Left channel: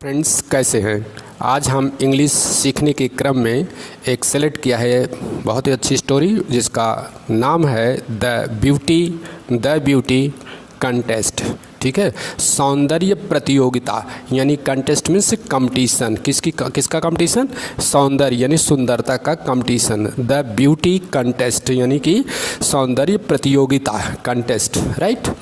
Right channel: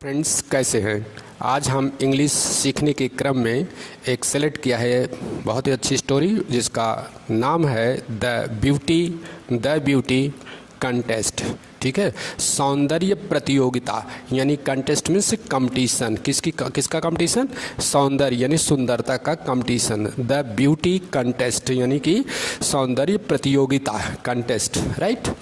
Friends, कैसे हैं? आज हम इंग्लिश सीखने के क्रम में एक सेलेक्ट किया है बहुत ही अच्छी स्टोरी जिसका नाम है द ब्यूटी कंटेस्ट। ठीक है, सौंदर्य प्रतियोगिता यानी कंटेस्ट मीन्स कंपटीशन। किसका कंपटीशन? सौंदर्य यानी सुंदरता का कंपटीशन। द ब्यूटी कंटेस्ट यानी कि सौंदर्य प्रतियोगिता कंटेस्ट, राइट।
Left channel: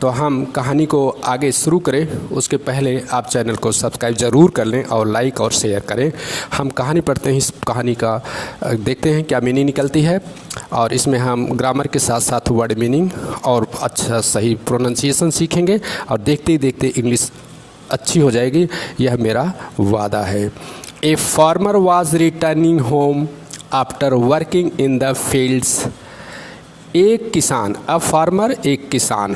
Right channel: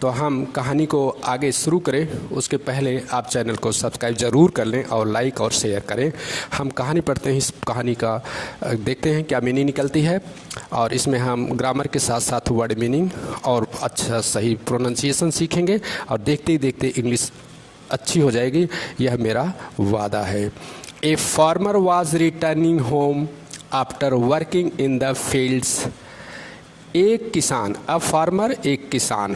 तो हम कहानी को आगे शुरू करें उसके पहले आप चैनल को सब्सक्राइब ज़रूर कर लें और लाइक और शेयर करें। हम कहानी पढ़ते हैं, इस कहानी का देखते हैं क्या मीनिंग निकलती है, और इसमें हम ग्रामर के साथ साथ वर्ड मीनिंग और अच्छा सही प्रोनाउंसिएशन सीखेंगे और देखते ही देखते इंग्लिश अच्छी हो जाएगी, यह मेरा वादा है। A farmer was returning home after working in the fields. एक किसान, अ फार्मर एक किसान,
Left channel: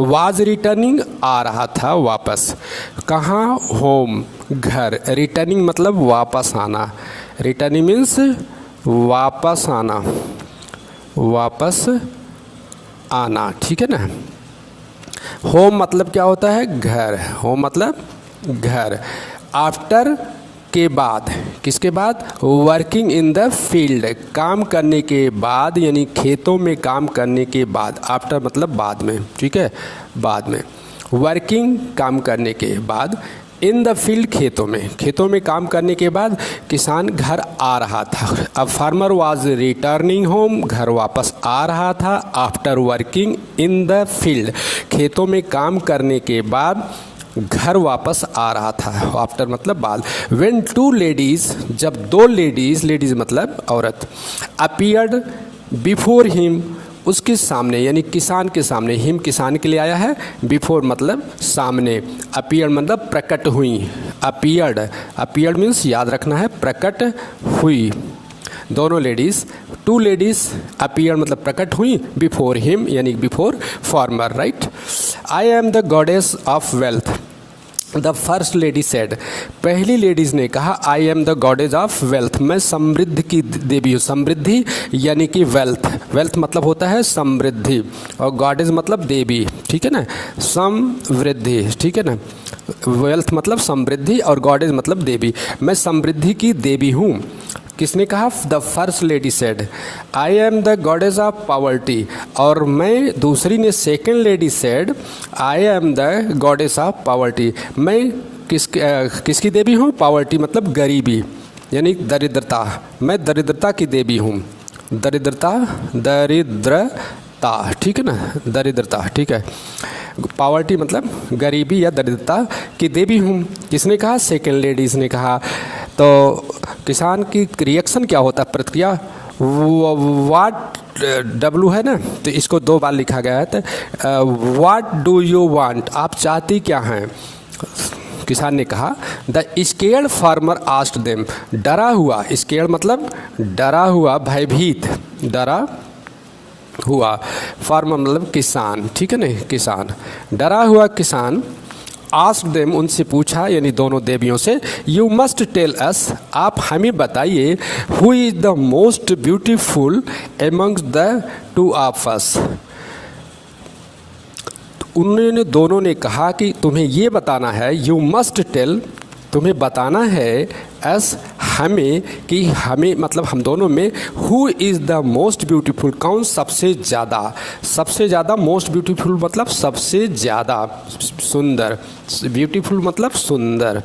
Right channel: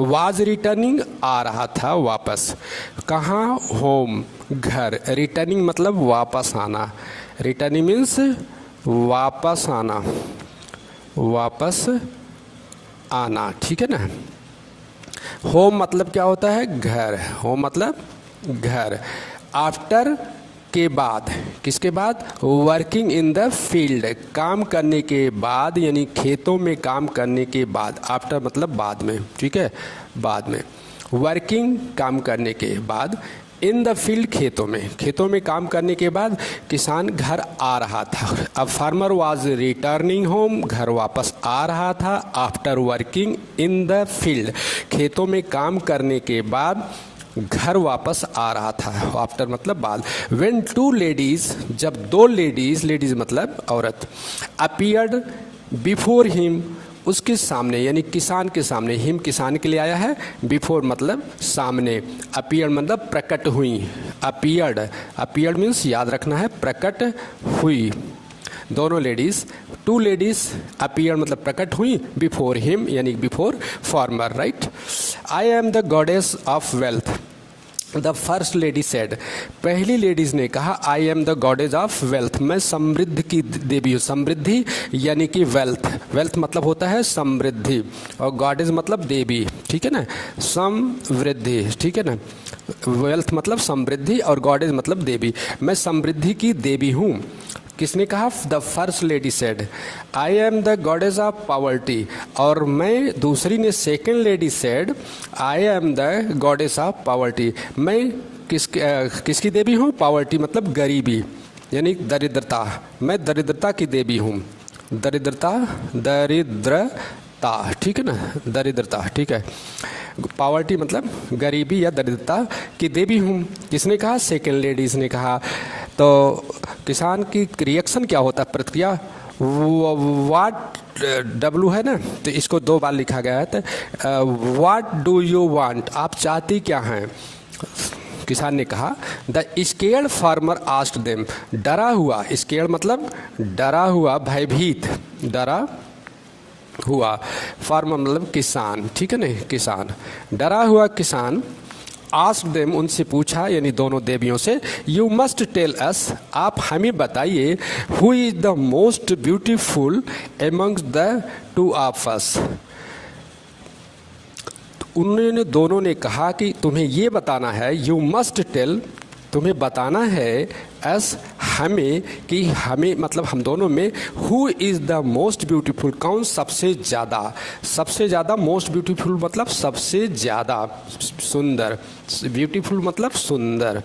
वाज रिटर्निंग आ रहा था वापस, कहाँ? होम घर। रिटर्निंग मतलब वापस आना, रिटर्निंग मीन्स वापस आना, वापस आना, ठीक है ना। होम मतलब क्या होता है? घर। होम मतलब घर। आफ्टर के बाद, किसके बाद? वर्किंग इन द फील्ड, काम करने के बाद यानी खेतों में काम करने के बाद। आफ्टर मतलब बाद में, ठीक है, बाद में। वर्किंग काम करने के बाद, इन द फील्ड खेतों में काम करने के बाद किसान घर आ रहा था। अब फार्मर वाज रिटर्निंग होम, घर वापस आ रहा था। After working in the field, खेतों में काम करने के बाद घर वापस आ रहा था। आफ्टर मतलब बाद। व्हेन टू लेडीज, जब दो लेडीज मतलब औरत, अपीयर्ड बिफोर हिम, उसके सामने यानी किसान के सामने। हिम किसान के लिए आया है, बिफोर मतलब सामने, अपीयर्ड मतलब प्रकट हुई। अपीयर्ड मीन्स याद रखना है, प्रकट हुई। दोनों लेडीज, टू लेडीज अपीयर मतलब प्रकट हुई, बिफोर हिम यानी before farmer, right. I am the goddess of wealth, the first lady said, पहली लेडीज ने कहा, I am the goddess of wealth, मैं समृद्धि की देवी हूँ। समृद्धि यानी कि वेल्थ, वेल्थ मतलब होता है समृद्धि, और गॉडेस मतलब देवी, ठीक है ना, समृद्धि, ठीक है ना। वेल्थ मतलब समृद्धि और गॉडेस मतलब देवी, मैं समृद्धि की देवी हूँ। किसने कहा? The first lady said, I am the goddess of poverty, और मैं, दूसरी ने, second lady said, I am the goddess of poverty, मैं किसकी देवी हूँ? पॉवर्टी मतलब गरीबी यानी दरिद्रता, मैं दरिद्रता की देवी हूँ। दरिद्रता, ठीक है ना, दरिद्रता, ठीक है। पॉवर्टी मतलब गरीबी या दरिद्रता की देवी हूँ। किसने कहा? सेकेंड लेडीज ने कहा। तो किसान की रिएक्शन क्या होता है? प्रतिक्रिया, वाट, डब्लू है ना, तो इसको दो बार लिखा गया है। तो वाट डू यू वांट, आप चाहती क्या हैं? किसान ने कहा। The scared farmer asked them, डरा हुआ, स्केर्ड मतलब डरा हुआ, भयभीत, डरा हुआ, फार्मर मतलब किसान, ठीक है ना, किसान, डरा हुआ किसान, आस्क्ड देम उनसे पूछा यानी दोनों देवियों से, यू मस्ट टेल अस, आप हमें बताइए, who is the most beautiful amongst the two of us. उन्होंने, दोनों ने कहा कि तुम्हें ये बताना है, यू मस्ट टेल, तुम्हें बताना है, एस हमें, कि हमें मतलब हम दोनों में, who is the most beautiful, कौन सबसे ज़्यादा, मोस्ट ब्यूटीफुल मतलब सबसे ज़्यादा सुंदर, ब्यूटीफुल मतलब सुंदर।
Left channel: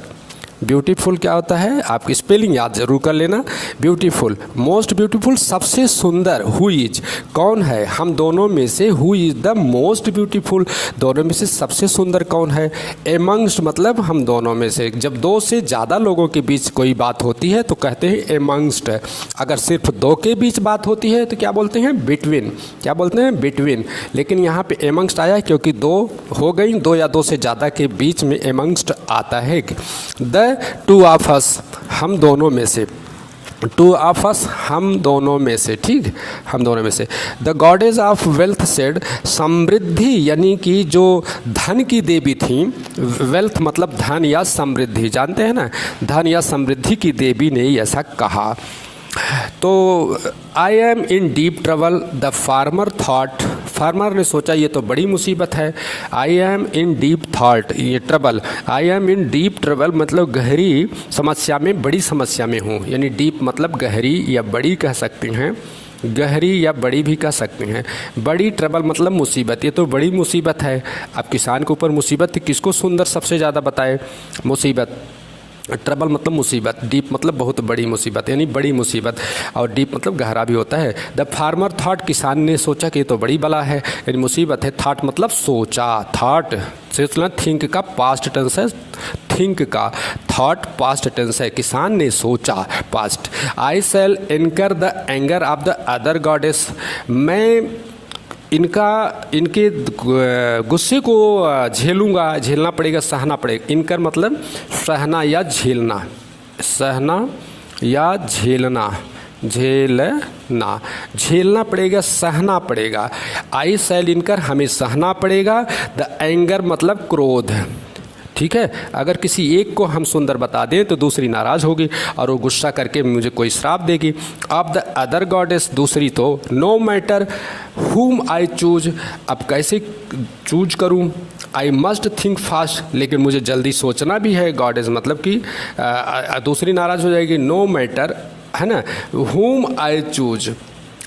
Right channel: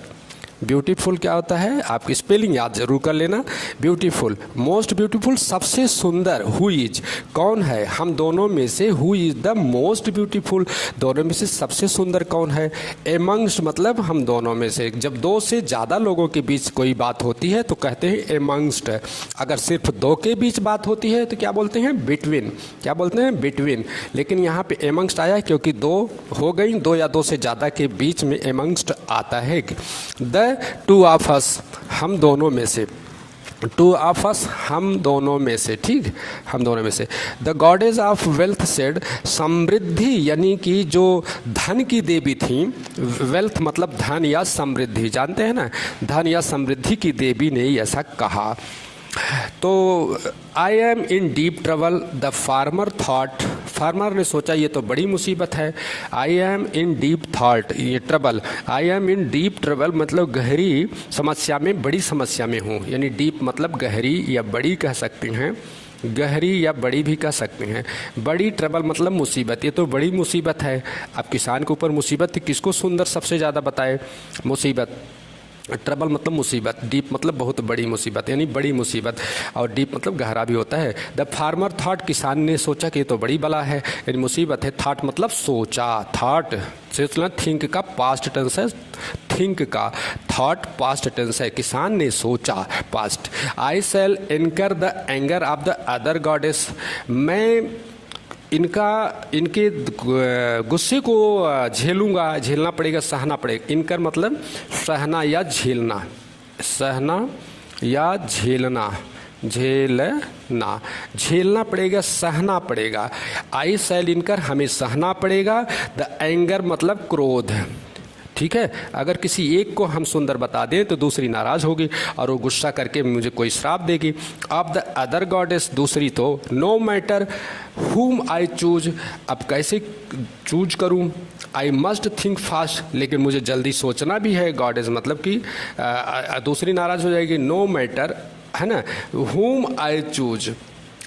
ब्यूटीफुल क्या होता है? आपकी स्पेलिंग याद जरूर कर लेना। ब्यूटीफुल, मोस्ट ब्यूटीफुल, सबसे सुंदर। हु इज, कौन है? हम दोनों में से, who is the most beautiful, दोनों में से सबसे सुंदर कौन है? एमंग्स्ट मतलब हम दोनों में से। जब दो से ज़्यादा लोगों के बीच कोई बात होती है तो कहते हैं एमंग्स्ट। अगर सिर्फ दो के बीच बात होती है तो क्या बोलते हैं? बिटवीन। क्या बोलते हैं? बिटवीन। लेकिन यहाँ पे एमंग्स्ट आया है क्योंकि दो हो गई, दो या दो से ज़्यादा के बीच में एमंग्स्ट आता है। द टू ऑफ अस, हम दोनों में से, टू ऑफ अस हम दोनों में से, ठीक, हम दोनों में से। The goddess of wealth said, समृद्धि यानी कि जो धन की देवी थी, वेल्थ मतलब धन या समृद्धि, जानते हैं ना, धन या समृद्धि की देवी ने ऐसा कहा। तो I am in deep trouble, the farmer thought farmer ने सोचा ये तो बड़ी मुसीबत है। I am in deep thought, ये trouble, I am in deep trouble मतलब गहरी समस्या में, बड़ी समस्या में हूँ, यानी डीप मतलब गहरी या बड़ी कह सकते हैं, गहरी या बड़ी भी कह सकते हैं। बड़ी ट्रबल मतलब मुसीबत, ये तो बड़ी मुसीबत है। अब किसान के ऊपर मुसीबत किसको सुंदर सबसे ज़्यादा बताए, मुसीबत। ट्रबल मतलब मुसीबत, डीप मतलब बहुत बड़ी मुसीबत, यानी बड़ी मुसीबत, और डीप मतलब गहरा भी होता है। द फार्मर थॉट, किसान ने सोचा कि ये तो बड़ी बला है, यानी मुसीबत है। थॉट मतलब सोचा, थॉट सोचना, थिंक का पास्ट टेंस है, थिंक का थॉट पास्ट टेंस है, किसान ने सोचा पास्ट। आई शैल इनकर the anger of the other goddess, मैं इनके गुस्से को झेलूंगा, झेलना पड़ेगा, सहना पड़ेगा। इनकर मतलब सहना या झेलना, सहना या झेलना, झेलना, झेलना पड़ेगा, सहना पड़ेगा। आई शैल इनकर, हमें सहना पड़ेगा। द एंगर मतलब क्रोध, ठीक है। अगर किसी एक को हम सुंदर बता दें तो दूसरी नाराज होगी और वो गुस्सा करके मुझे कोई श्राप देगी। ऑफ द अदर गॉडेस, दूसरी तो no matter whom I choose, अब कैसे चूज करूं। आई मस्ट थिंक फास्ट, लेकिन मुझे जल्दी सोचना भी है। गॉडेस मतलब कि दूसरी नाराज हो जाएगी। नो मैटर है ना, whom I choose,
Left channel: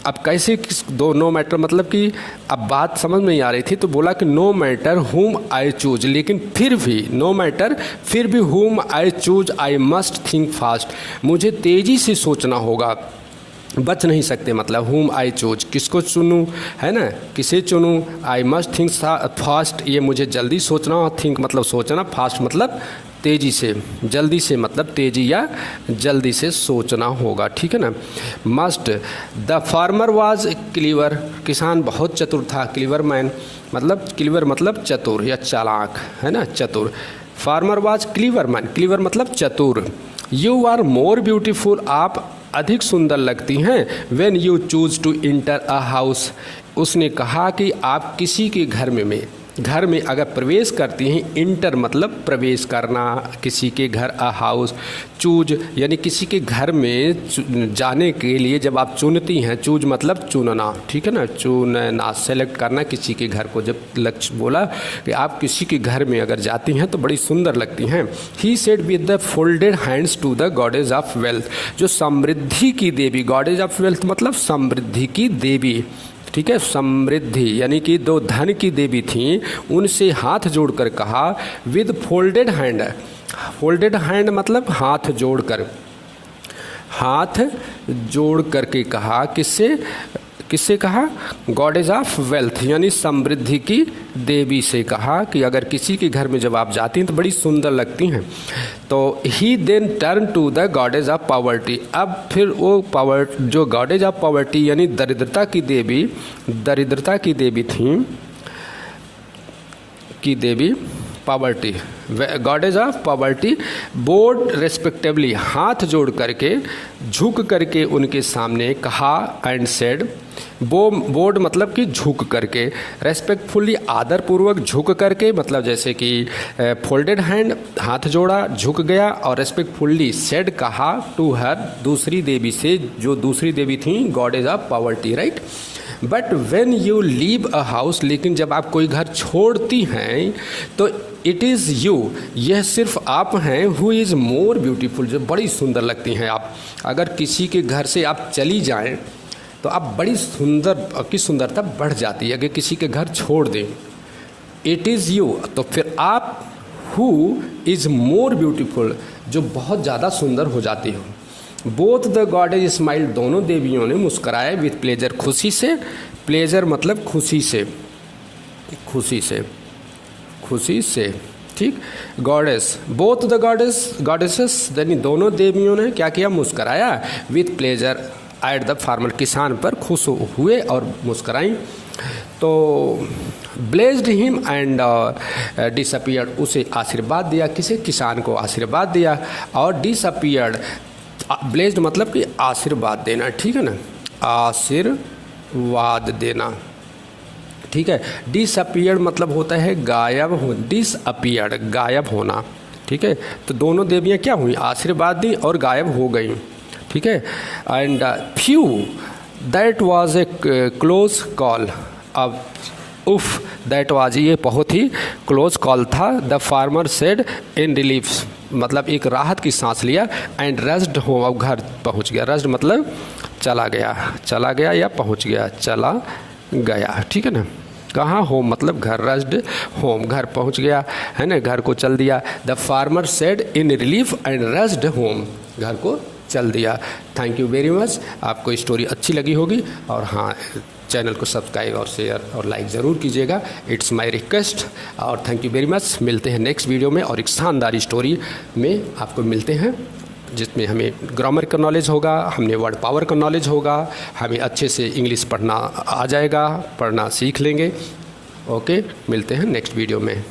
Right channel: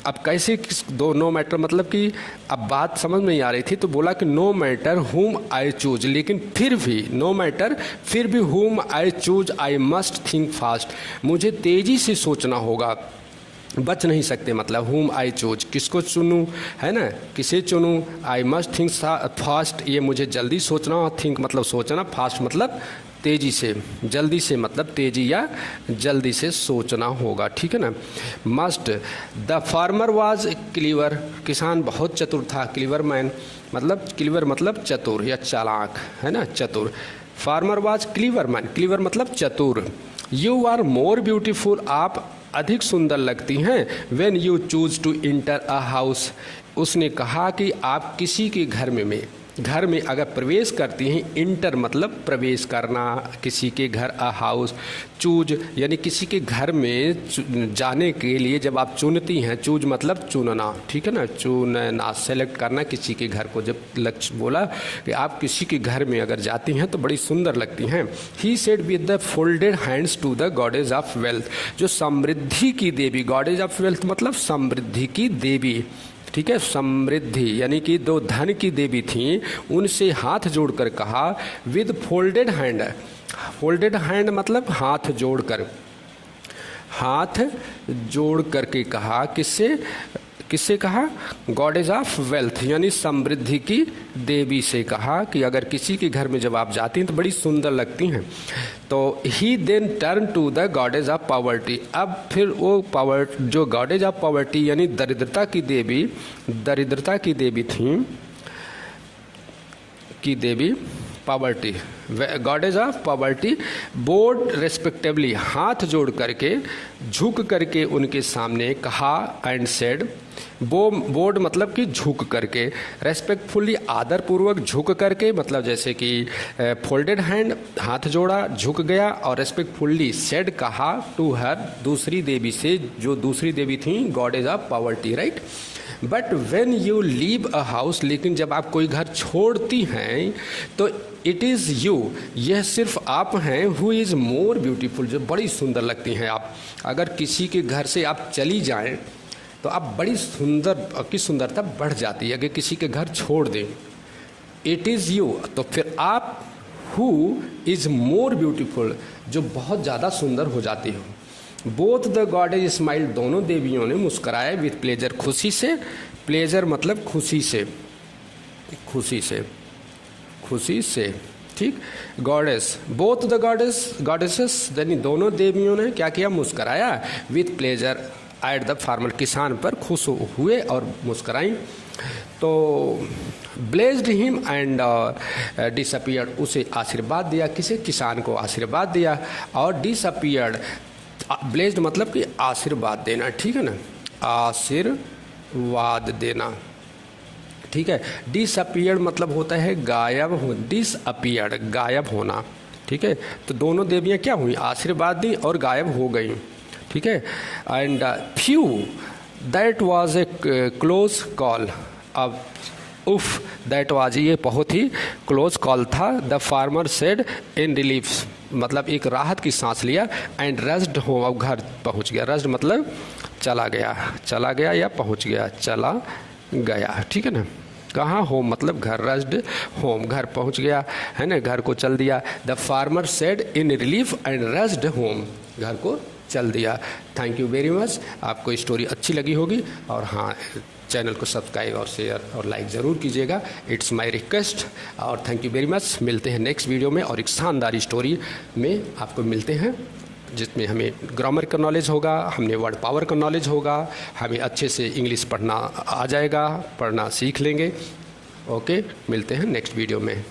अब कैसे किस दो, नो मैटर मतलब कि अब बात समझ में नहीं आ रही थी तो बोला कि no matter whom I choose, लेकिन फिर भी नो मैटर, फिर भी whom I choose I must think fast, मुझे तेजी से सोचना होगा, बच नहीं सकते। मतलब whom I choose, किसको चुनूं, है ना, किसे चुनूं। I must think fast, ये मुझे जल्दी सोचना, और think मतलब सोचना, फास्ट मतलब तेजी से, जल्दी से मतलब तेजी या जल्दी से सोचना होगा, ठीक है ना। Must, the farmer was clever, किसान बहुत चतुर था। क्लीवर मैन मतलब, क्लीवर मतलब चतुर या चालाक, है ना, चतुर। Farmer was clever man, clever मतलब चतुर। यू आर मोर ब्यूटीफुल, आप अधिक सुंदर लगती हैं। When you choose to enter a house, उसने कहा कि आप किसी के घर में अगर प्रवेश करती हैं, इंटर मतलब प्रवेश करना, किसी के घर, अ हाउस, चूज यानी किसी के घर में जाने के लिए जब आप चुनती हैं, चूज मतलब चुनना, ठीक है ना, चुनना, सेलेक्ट करना किसी के घर को। जब लक्ष्य बोला कि आप किसी के घर में अगर जाती हैं तो बड़ी सुंदर लगती हैं। He said with the folded hands to the goddess of wealth, जो समृद्धि की देवी, गॉडेज ऑफ वेल्थ मतलब समृद्धि की देवी, ठीक है, समृद्धि यानी कि दो धन की देवी थी, उनसे हाथ जोड़कर कहा। With folded hand, folded hand मतलब हाथ जोड़कर, हाथ जोड़ करके कहा, किससे, किससे कहा, गॉडेज ऑफ वेल्थ यानी समृद्धि की देवी से कहा कि अगर किसी के घर में जब आप जाती हैं तो बड़ी सुंदर लगती हैं। तो he then turn to the goddess of poverty, अब फिर वो पावर, जो गॉडेज ऑफ पॉवर्टी यानी दरिद्रता की देवी, दरिद्रता की देवी थी, की देवी poverty, goddess of poverty, bowed respectively, हाथ जोड़ करके, झुक करके उनके सामने कहा। एंड सेड, बोर्ड मतलब कि झुक करके, रेस्पेक्टफुली आदरपूर्वक झुक करके, मतलब जैसे कि फोल्डेड हैंड, हाथ जोड़ा, झुक गया, और रेस्पेक्टफुली सेड कहा, टू हर, दूसरी देवी से, जो दूसरी देवी थी goddess of poverty, right. But when you leave a house, लेकिन जब आप कोई घर छोड़ती हैं तो इट इज़ यू, यह सिर्फ आप हैं, हु इज़ मोर ब्यूटीफुल, जो बड़ी सुंदर लगती हैं आप। अगर किसी के घर से आप चली जाएं तो आप बड़ी सुंदर, आपकी सुंदरता बढ़ जाती है। अगर किसी के घर छोड़ दें, इट इज़ यू, तो फिर आप हु इज़ मोर ब्यूटीफुल, जो बहुत ज़्यादा सुंदर हो जाती हो। बोथ द गॉडेज स्माइल, दोनों देवियों ने मुस्कुराए। विथ प्लेजर, खुशी से, प्लेजर मतलब खुशी से, खुशी से, खुशी से, ठीक। गॉडेस, बोथ द गॉडेसेस यानी दोनों देवियों ने क्या किया, मुस्कुराया। With pleasure at the farmer, किसान पर खुश हुए और मुस्कुराई। तो ब्लेस्ड हिम एंड डिसअपियर्ड, उसे आशीर्वाद दिया, किसे, किसान को आशीर्वाद दिया। और डिसअपियर्ड, ब्लेस्ड मतलब कि आशीर्वाद देना, ठीक है ना, आशीर्वाद देना, ठीक है। डिसअपियर्ड मतलब होता है गायब हो, डिसअपियर्ड गायब होना, ठीक है। तो दोनों देवियाँ क्या हुई, आशीर्वाद दी और गायब हो गई, ठीक है। And few, that was a close call, अब उफ दैट वाज, ये बहुत ही क्लोज कॉल था। The farmer said in relief, मतलब एक राहत की सांस लिया। एंड रस्ड होम, अब घर पहुंच गया। रस्ड मतलब चला गया या पहुंच गया, चला गया, ठीक है ना। कहाँ? होम मतलब घर, रस्ड होम, घर पहुंच गया है ना, घर को चल दिया। The farmer said in relief and rushed home, घर को चल दिया। Thank you very much. आपको स्टोरी अच्छी लगी होगी, और हाँ, चैनल को सब्सक्राइब और शेयर और लाइक ज़रूर कीजिएगा, इट्स माय रिक्वेस्ट। और थैंक यू वेरी मच। मिलते हैं नेक्स्ट वीडियो में और एक शानदार स्टोरी में आपको मिलते हैं, जिसमें हमें ग्रामर का नॉलेज होगा, हमें वर्ड पावर का नॉलेज होगा, हमें अच्छे से इंग्लिश पढ़ना आ जाएगा, पढ़ना सीख लेंगे। ओके, मिलते हैं नेक्स्ट वीडियो में।